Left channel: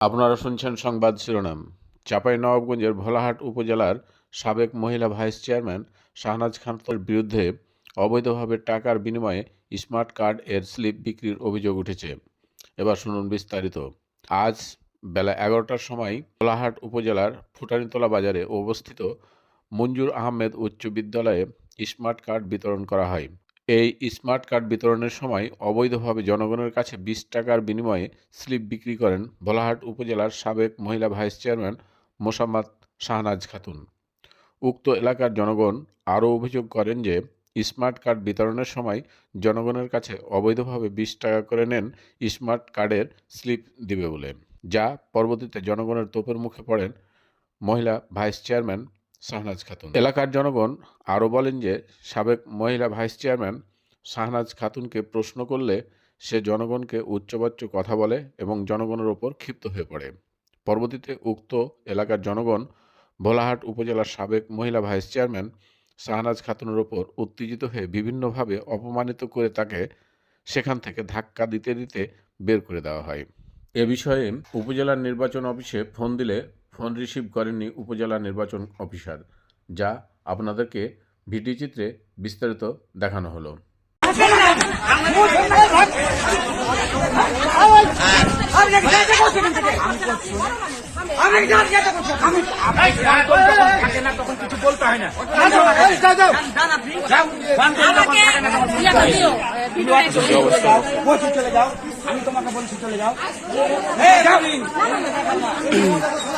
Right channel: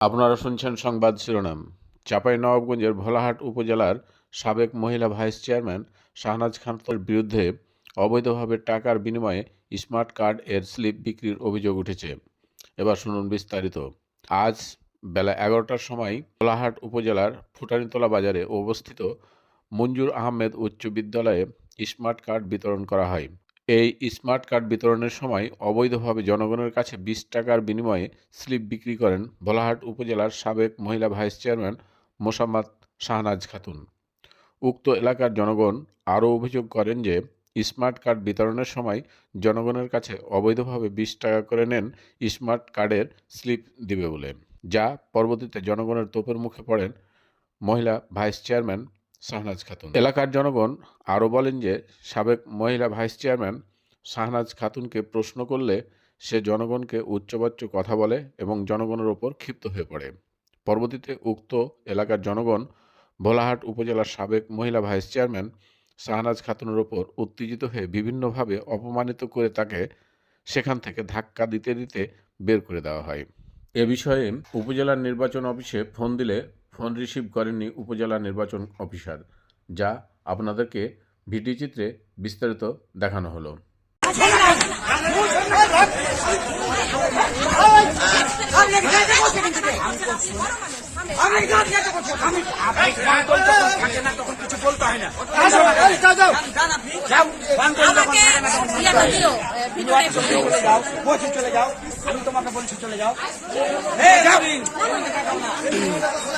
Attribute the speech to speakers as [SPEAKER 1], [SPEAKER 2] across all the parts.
[SPEAKER 1] আপনারা শুনছেন সংবাদ শিরোনাম। চাপাই নবাবগঞ্জের ভোলাহাট উপজেলার সাবেক মহিলা ভাইস চেয়ারম্যান শাহনাজ খানের বিরুদ্ধে অবৈধভাবে টাকার বিনিময়ে স্মার্ট কার্ড এর স্লিপ বিক্রির অভিযোগ উঠেছে। এবার শুনুন বিস্তারিত। আজ বেলা এগারোটার সময় ভোলাহাট উপজেলার ফুটানিতলা বাজারে অবস্থিত মঞ্জুর আহমেদ উচ্চ বিদ্যালয়ে স্মার্ট কার্ড বিতরণ করা হয়। এই স্মার্ট কার্ড বিতরণের সময় অবৈধভাবে জনগণের কাছে বিশ টাকার বিনিময়ে স্লিপ বিক্রি করেন ভোলাহাট উপজেলার সাবেক মহিলা ভাইস চেয়ারম্যান মোসাম্মদ শাহনাজ খাতুন। উক্ত এলাকার জনগণ আরও অভিযোগ করেন যে, স্মার্ট কার্ড বিতরণের সময় জনগণের কাছে অবৈধভাবে বিশ টাকা করে নেন স্মার্ট কার্ডের স্লিপ দিবে বলে, যা পরবর্তীতে জনগণের তোপের মুখে পড়েন মহিলা ভাইস চেয়ারম্যান শাহনাজ খাতুন। এলাকার জনগণ আরও বলেন যে, সাবেক মহিলা ভাইস চেয়ারম্যান শাহনাজ খাতুনকে প্রশ্ন করলে সে জনগণকে উচ্চবাচ্য কথা বলে এবং জনগণের ওপর ক্ষিপ্ত হয়ে পড়ে। পরবর্তীতে উক্ত এলাকার জনগণ ভোলাহাট উপজেলার সাবেক মহিলা ভাইস চেয়ারম্যান শাহনাজ খাতুনের ওপর উত্তেজিত হয়ে বিভিন্নভাবে অপমানিত করে তাকে সেখান থেকে ধাক্কা দিতে দিতে বের করে দেওয়া হয়। এ বিষয়ে উপজেলার নির্বাচন অফিসে ফোন দিলে ফোন রিসিভ করেননি উপজেলা নির্বাচন অফিসার যা আপনাদেরকে ভিডিও চিত্রে বিস্তারিত দেখানো হলো।
[SPEAKER 2] চলে যাও আমি তোমাকে বলছি চলে যাও।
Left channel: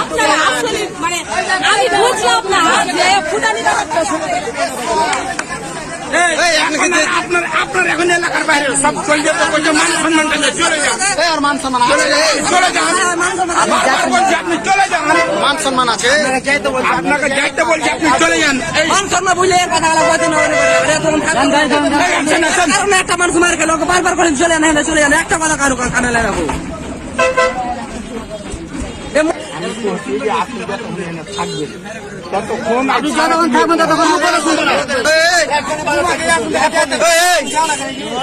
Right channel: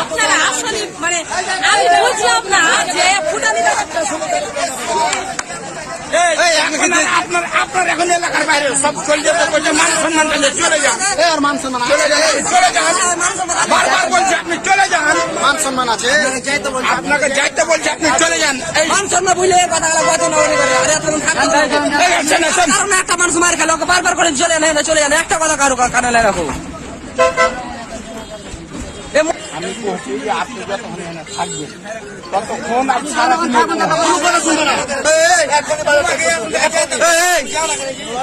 [SPEAKER 3] আপনারা আসলে মানে আমি বুঝলাম না যে ফুটানি
[SPEAKER 2] আপনার আপনার এখন এলাকার বাইরে সব চলে যেতে বলছে মান চলে যান। মান সম্মান চলে যান বারবার বলছি আপনি চলে যান। মান সম্মান আছে। আপনাকে যাইতে বলছি আপনি চলে যান।
[SPEAKER 3] মান সম্মান বুঝলে কথা বলা একটা মানুষ মার খেলো বারবার করে চলে না না চলে যান একটা কথা কারও কানে লাগাবো
[SPEAKER 2] আপনি থাকবেন।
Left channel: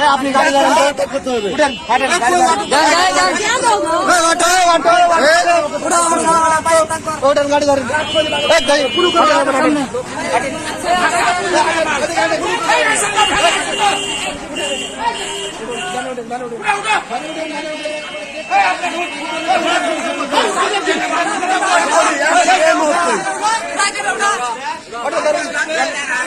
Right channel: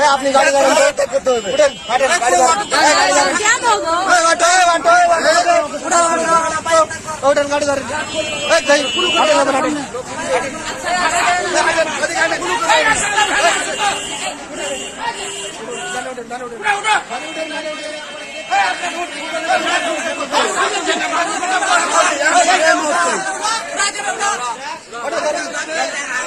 [SPEAKER 2] আপনি ওটার গাড়ি ধরেন আপনার 了，我这都是咱爹的。